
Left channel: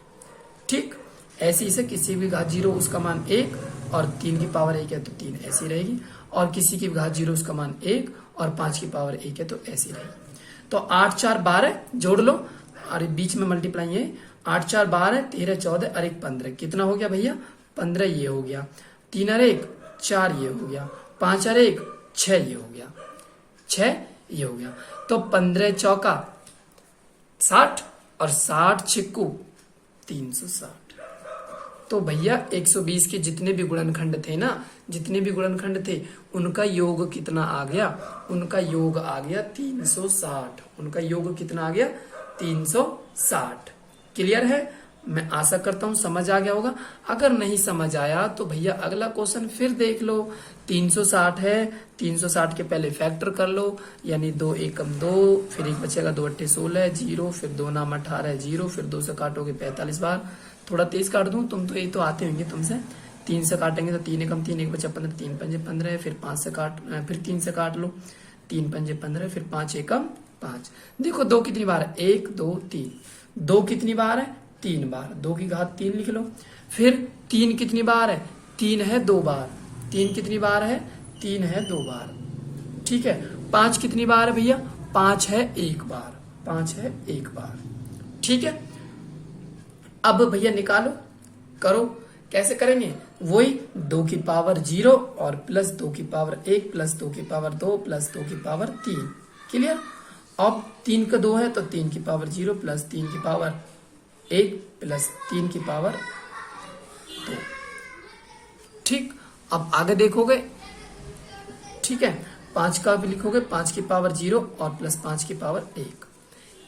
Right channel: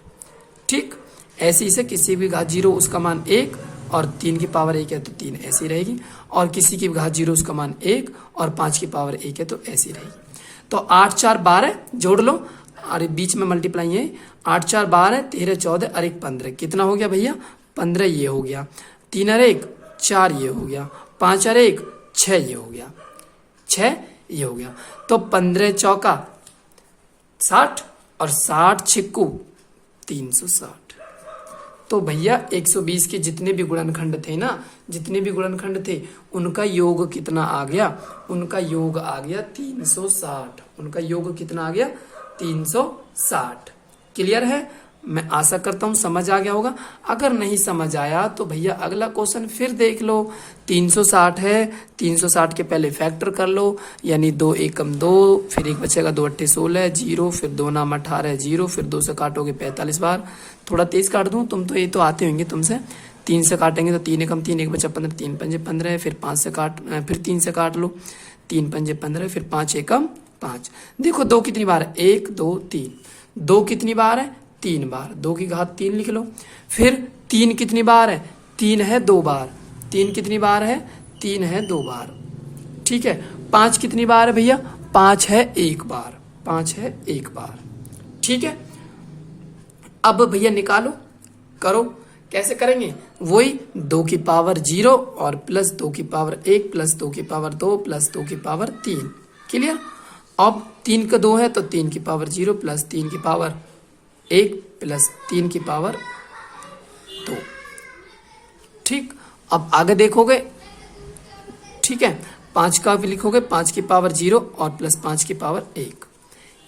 ठीक। ऐसे ही से किसी भी घात 0 उसका मान 1 और 3 की पावर 1 है तो 3 ऐसी रहेगी, और किसी की घात 0 उसका मान 1 और 5 की पावर 1 है तो ऐसी रहेगी। तो 8 4 12 जोड़ लो, और बीच में मल्टीप्लाई है, 8 4 12, 13 14 और 1 15, कितना हो गया भैया 15, ये हो गया। 3 और 1 4, ये हो गया। 5 और 1 6, ये हो गया। 6 ये हो गया। तो 15 चौका 60 और 60 छिक्कू 360। तो भैया 120 के जितने भी गुणनखंड थे ना, जितने भी गुणनखंड थे उनका योग कितना आ गया, उनका योग आ गया 360। उनका योग कितना आ गया 360। क्लियर है, मैं आशा करता हूं समझ आ गया होगा। अगर नहीं समझ आया तो भैया अगला क्वेश्चन फिर देख लो। 360 है, 360 के पहले फैक्टर कर लो, यानी 2 एकम 2, फिर एक बचेगा 2 अट्ठे 16 0, फिर 2 नाम 18 0, फिर 2 से काटोगे 45 बार। थोड़ा तेज काट दूं, तुम तो ये तो आते होंगे तुमसे। 3 से काटेंगे तो 3 एकम 3, एक बचा 15, 3 पंजे 15, फिर 5 से फिर 3 से काट लो, 3 पंजे 15, फिर 5 एकम 5। देखो 2 कितनी बार है 1 2 3, 2 कितनी बार है 3 बार, 2 की घात 3 लिख लो। फिर 3 कितनी बार है 3 है 2 बार, 3 कितनी बार है 3 है 2 बार, ठीक है। 5 कितनी बार है भैया 5 है 1 बार, 5 है 1 बार, ठीक है। अब भैया निकालो, करो, कैसे करेंगे, वही 2 की पावर 0 और प्लस 2 की पावर 1 प्लस 2 की पावर 2 प्लस 2 की पावर 3। क्लियर। अब 3 का 2 है तो 3 की पावर 0 प्लस 3 की पावर 1 प्लस 3 की पावर 2, ठीक। अब आगे देखोगे, ठीक है, 5 का भी लिखोगे, 5 की पावर 0 और प्लस 5 की पावर 1।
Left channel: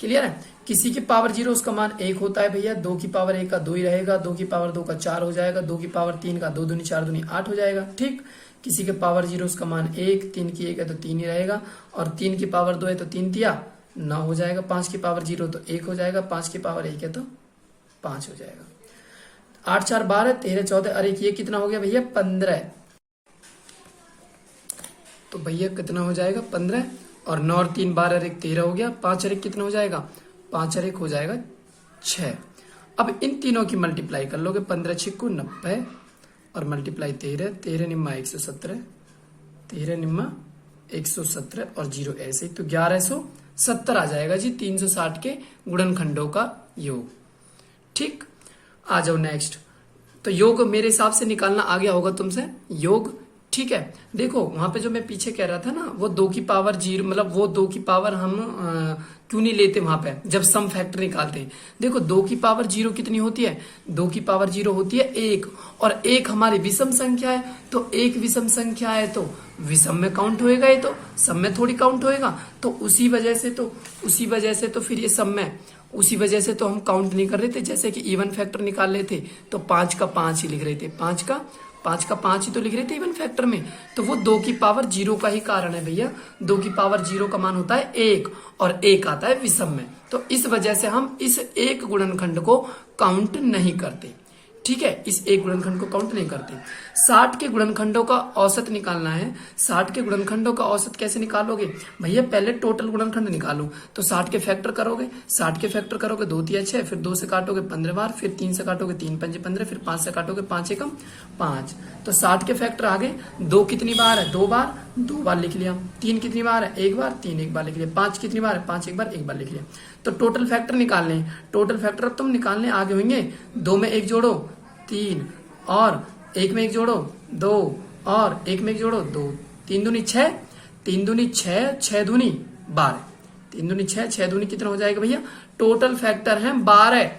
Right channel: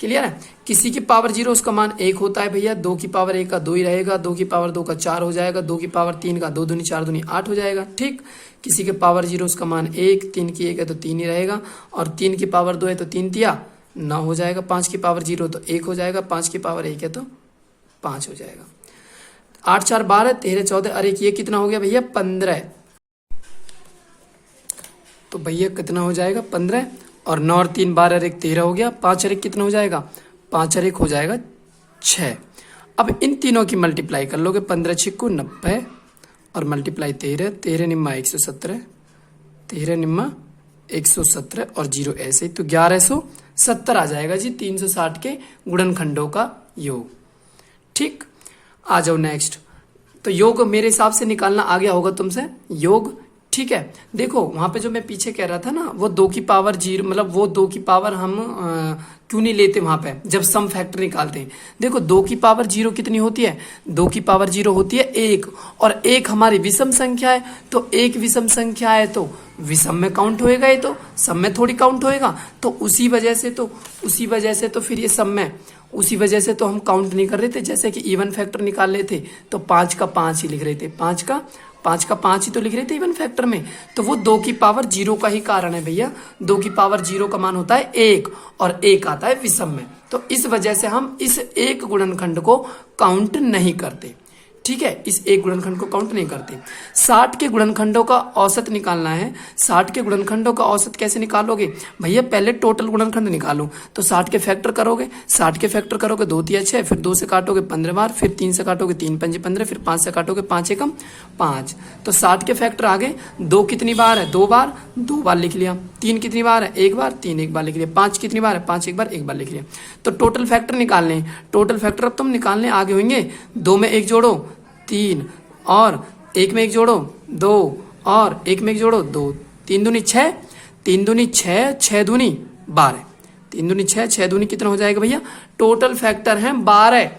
क्लियर है। किसी की पावर 0 उसका मान 1 होता है भैया, 2 की पावर 1 का 2 ही रहेगा, 2 की पावर 2 का 4 हो जाएगा, 2 की पावर 3 का 2 दूनी 4 दूनी 8 हो जाएगा, ठीक। किसी के पावर 0 उसका मान 1, 3 की 1 है तो 3 ही रहेगा, और 3 की पावर 2 है तो 3 तिया 9 हो जाएगा, 5 की पावर 0 तो 1 हो जाएगा, 5 की पावर 1 है तो 5 हो जाएगा। 8 4 12, 13 14 और 1, ये कितना हो गया भैया 15। तो भैया कितना हो जाएगा 15, और 9 और 3 12 और 1 13 हो गया, 5 और 1 कितना हो जाएगा 5 और 1 हो जाएगा 6। अब इन तीनों की मल्टीप्लाई कर लोगे, 15 छिक्कू 90 और मल्टीप्लाई 13, 13 निम्मा 117, 13 निम्मा 117 और 0 ऐसे ही, तो 1170 आ जाएगा जी 360 के गुणनखंडों का योग, ठीक। आ जाओ नेक्स्ट। तो योग मेरे हिसाब से निकालना आ गया होगा तुमसे योग, ठीक है। देखो वहां पे जो मैं पीछे कह रहा था ना, वो 2 की पावर 0, मतलब वो 2 की पावर हम क्यों नहीं लेते वहां पे जब सम फैक्टर निकालते हैं। देखो 2 की पावर 0 कितनी होती है, 2 की पावर 0 होती है 1, और 1 हमारी विषम संख्या है, तो 1 विषम संख्या है तो विषम में काउंट होएगा, ये तो सम में थोड़ी काउंट होएगा। तो उसी वजह से तो फिर ये सम में, उसी वजह से तो हम काउंट नहीं कर रहे थे। जैसे कि इवन फैक्टर निकाल रहे थे तो 5 का 5 ही लिख रहे थे, 5 का 5 ही तो लिख रहे थे इवन फैक्टर में। तो वो 2 की पावर 0 का ही कारण है भैया, 2 की पावर 0 का मान होता है 1 और 1 आता है विषम में, तो इस वजह से हम इस एक गुणनखंड को काउंट नहीं करते। ठीक है, इस एक गुणनखंड को काउंट नहीं करते। 60 के गुणनखंडों का औसत निकालना है। 60 के गुणनखंडों का औसत कैसे निकालोगे भैया, पहले टोटल गुणनखंड निकालो। तो 60 के फैक्टर करोगे, 60 के फैक्टर करोगे 2 तिया 6, फिर 2 से काटोगे 15 बार, फिर 3 से काटोगे 3 पंजे 15, फिर 5 से काटोगे 5 एकम 5। तो 60 के फैक्टर आ गए। 2 कितनी बार है, 2 बार, 2 बार लिख लिया। 3 कितनी बार है, 1 बार, 3 एक बार लिख लिया। 5 कितनी बार है, 5 एक बार, 1 बार लिख लिया। तो टोटल फैक्टर निकालने हैं। टोटल फैक्टर अब तुम निकालने आगे होंगे। 2 में 1 जोड़ो 3, और 1 में 1 जोड़ो 2, और 1 में 1 जोड़ो 2, 3 दूनी 6, 3 दूनी 6, 6 दूनी 12, 3 दूनी 6, 6 दूनी कितना हो जाएगा भैया, टोटल फैक्टर है 12।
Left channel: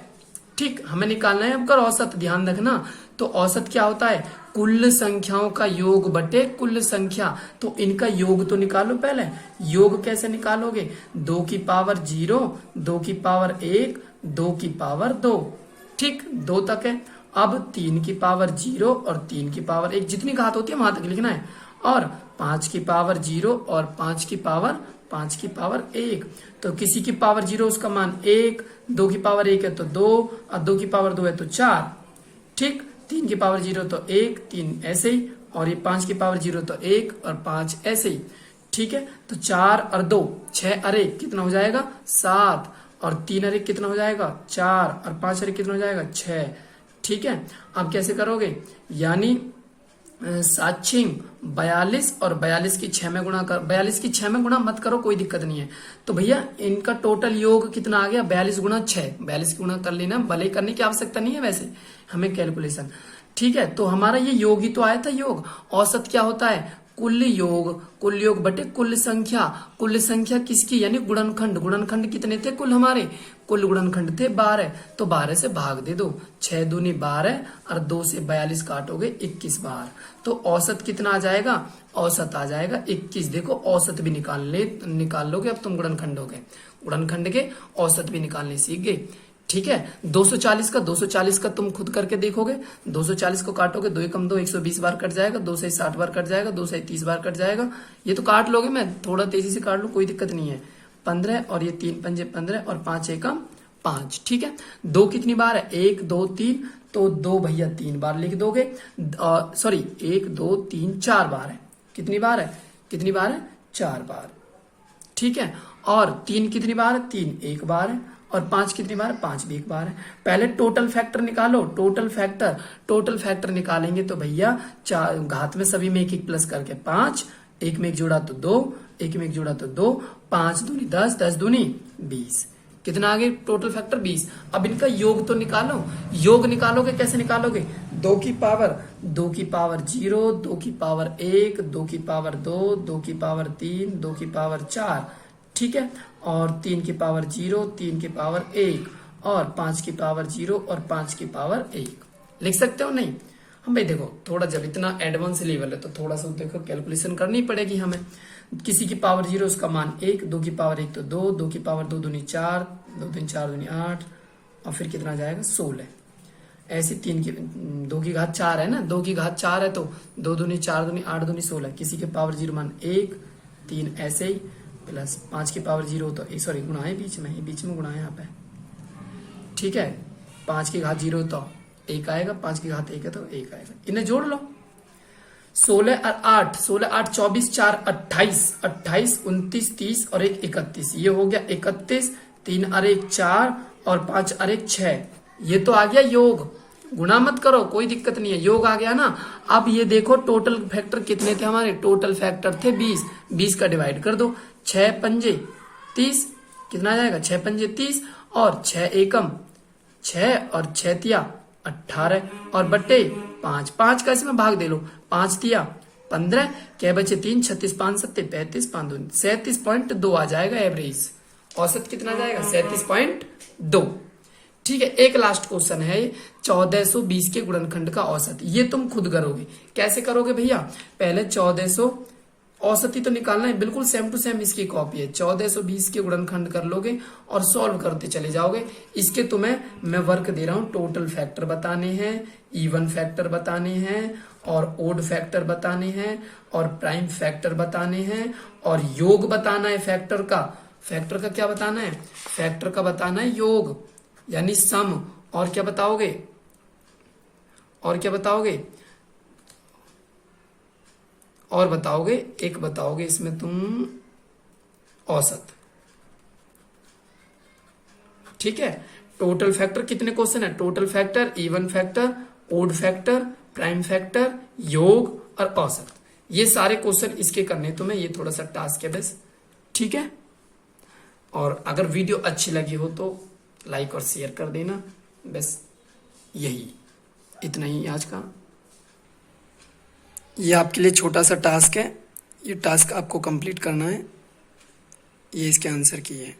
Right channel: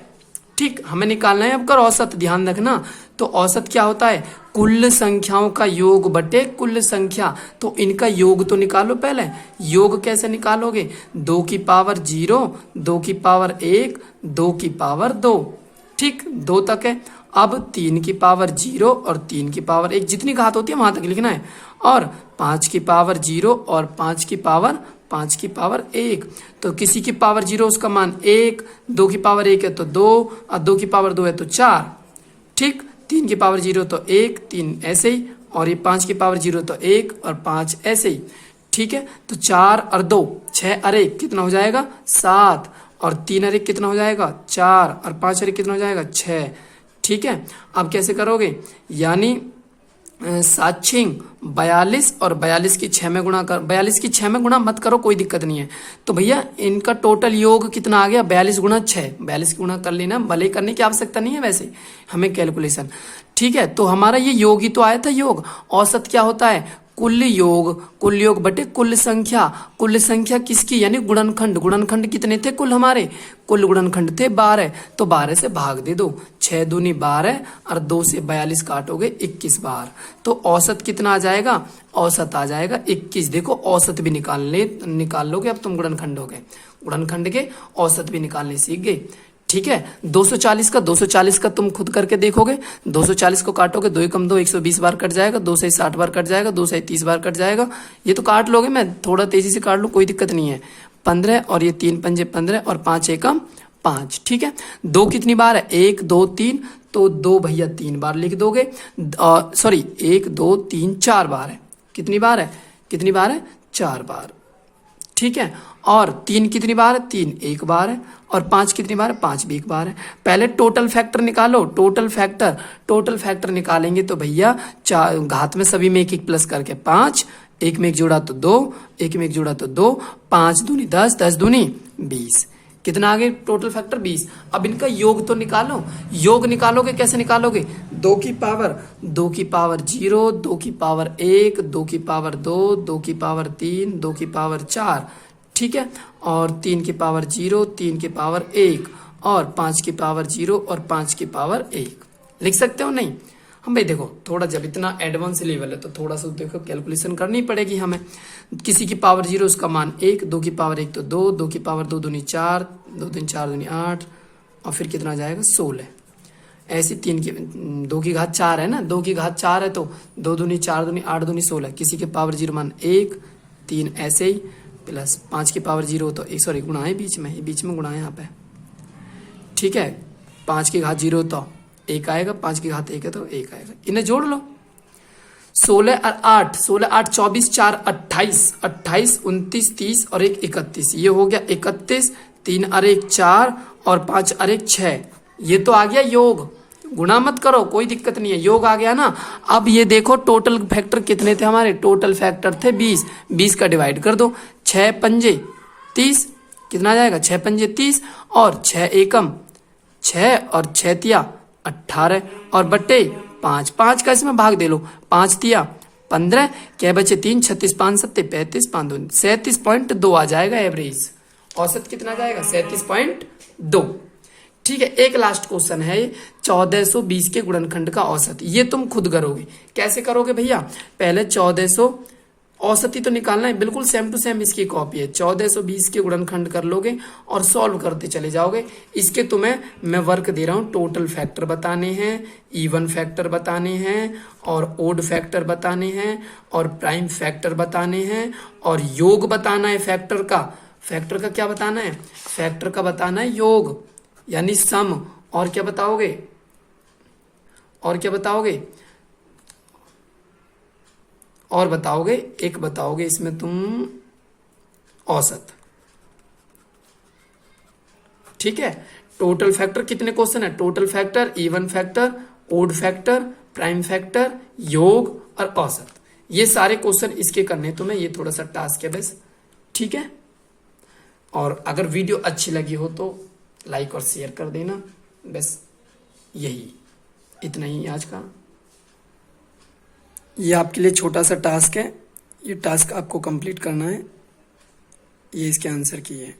ठीक, हमें निकालना है अब औसत, ध्यान रखना। तो औसत क्या होता है, कुल संख्याओं का योग बटे कुल संख्या। तो इनका योग तो निकालो पहले। योग कैसे निकालोगे, 2 की पावर 0, 2 की पावर 1, 2 की पावर 2। ठीक, 2 तक है। अब 3 की पावर 0 और 3 की पावर 1, जितनी घात होती है वहां तक लिखना है। और 5 की पावर 0 और 5 की पावर 1। तो किसी की पावर 0 उसका मान 1, 2 की पावर 1 है तो 2, और 2 की पावर 2 है तो 4। ठीक, 3 की पावर 0 तो 1, 3 ऐसे ही, और ये 5 की पावर 0 तो 1 और 5 ऐसे ही। ठीक है, तो 4 और 2 6 और 1 कितना हो जाएगा 7, और 3 और 1 कितना हो जाएगा 4, और 5 और 1 कितना हो जाएगा 6। ठीक है, अब कैसे करोगे, यानी 7 छिंग 42, और 42 की 6 में गुणा कर, 42 की 6 में गुणा मत करो, कोई दिक्कत नहीं है। तो भैया इनका टोटल योग कितना आ गया, 42 गुणा 6, 42 गुणा कर लेना, भले करने की आवश्यकता नहीं है वैसे हमें कैलकुलेशन। ठीक है, तो हमारा ये योग ही तो आया था योग। औसत क्या होता है, कुल योग बटे कुल संख्या। कुल संख्या किसकी, यानी गुणनखंड। गुणनखंड कितने थे कुल हमारे, कुल गुणनखंड थे 12। तो 12 से भाग दे दो, 6 दूनी 12, और 2 से 42 काटोगे 21 बार। तो औसत कितना आ जाएगा, औसत आ जाएगा 21। देखो औसत भी निकाल लोगे अब तुम गुणनखंड के औसत भी निकालने सीख गए। ठीक है, 240 का तुम खुद करके देखोगे। 240 को काटोगे, 2 एकम 2, 120 बार कट जाएगा, 2 से 60 बार कट जाएगा, 2 से 30 बार कट जाएगा। ये तो काट लोगे, मैं थोड़ा तेजी से काट लूँ, कोई दिक्कत नहीं है। 15, और ये 3 पंजे 15, और 5 एकम 5। ठीक है, 2 कितनी बार है, 1 2 3, तो 2 भैया 3 बार लिख दोगे। सॉरी, 1 2 3 4 बार है। कितनी बार है 4 बार। ठीक है, और 3 कितनी बार है, 3 1 बार है, और 5 कितनी बार है, 5 भी 1 बार है। पहले टोटल फैक्टर निकालो। टोटल फैक्टर निकालेंगे तो भैया घात में सभी में 1 1 प्लस करके 5, 1 में 1 जोड़ा तो 2, 1 में 1 जोड़ा तो 2, 5 दूनी 10, 10 दूनी 20। कितना आ गया टोटल फैक्टर 20। अब इनका योग तो निकालो। योग निकालोगे, कैसे निकालोगे, 2 की पावर 0, 2 की पावर 1, 2 की पावर 2, 2 की पावर 3, 2 की पावर 4। ठीक है, और 3 की पावर 0, 3 की पावर 1, और 5 की पावर 0, और 5 की पावर 1। लिख सकते हो नहीं, हम भाई देखो थोड़ा जब इतना एडवांस लेवल है तो थोड़ा सा देखो कैलकुलेशन करनी पड़ेगी हमें। किसी की पावर 0 उसका मान 1, 2 की पावर 1 तो 2, 2 की पावर 2 दूनी 4, 2 दूनी 4 दूनी 8, और फिर कितना जाएगा 16। ऐसी 2 की घात 4 है ना, 2 की घात 4 है तो 2 दूनी 4 दूनी 8 दूनी 16। किसी के पावर 0 मान 1, 3 ऐसे ही, प्लस 5 की पावर 0 तो सॉरी गुणा है बीच में गुणा है यहाँ पे। ठीक है, 5 की घात 0 तो 1 आएगा, 5 की घात 1 है तो 1 आएगा। इन्हें जोड़ लो, 16 और 8, 16 8 24, 4 28, 28 29 30 और 1 31। ये हो गया 31, 3 और 1 4, और 5 और 1 6। ये तो आ गया योग। गुणा मत करो, कोई दिक्कत नहीं है, योग आ गया ना। अब ये देखो टोटल फैक्टर कितने थे हमारे, टोटल फैक्टर थे 20। 20 का डिवाइड कर दो, 6 पंजे 30, कितना जाएगा 6 पंजे 30, और 6 एकम 6, और 6 तिया 18, और बट्टे 5, 5 का इसमें भाग दे लो, 5 तिया 15, क्या बचे 3, 36 5 7 35, 5 2 37.2 आ जाएगा एवरेज। औसत कितना जाएगा 37.2। ठीक है, एक लास्ट क्वेश्चन है 1420 के गुणनखंड का औसत। ये तुम खुद करोगे, कैसे करोगे भैया, पहले 1400 औसत ही तो निकालना है, बिल्कुल सेम टू सेम इसकी कॉपी है। 1420 के गुणनखंड कर लोगे और सॉल्व करते चले जाओगे। इसके तुम्हें मैं वर्क दे रहा हूँ, टोटल फैक्टर बताने हैं, इवन फैक्टर बताने हैं, और ओड फैक्टर बताने हैं, और प्राइम फैक्टर बताने हैं, और योग बताना है फैक्टर का। फैक्टर का क्या बताना है, फैक्टर का बताना है योग यानी सम। और क्या बताओगे, और क्या बताओगे? और बताओगे, एक बताओगे इसमें तुम औसत। ठीक है। टोटल फैक्टर कितने क्वेश्चन है? Total factor, even factor, odd factor, prime factor, योग और औसत, ये सारे क्वेश्चन इसके करने तुम्हें, ये थोड़ा सा टास्क है बस। ठीक है। और अगर वीडियो अच्छी लगी हो तो लाइक और शेयर कर देना। बस यही, इतना ही आज का। ये आपके लिए छोटा सा टास्क है, ये टास्क आपको कंप्लीट करना है। ये इसके आंसर की है।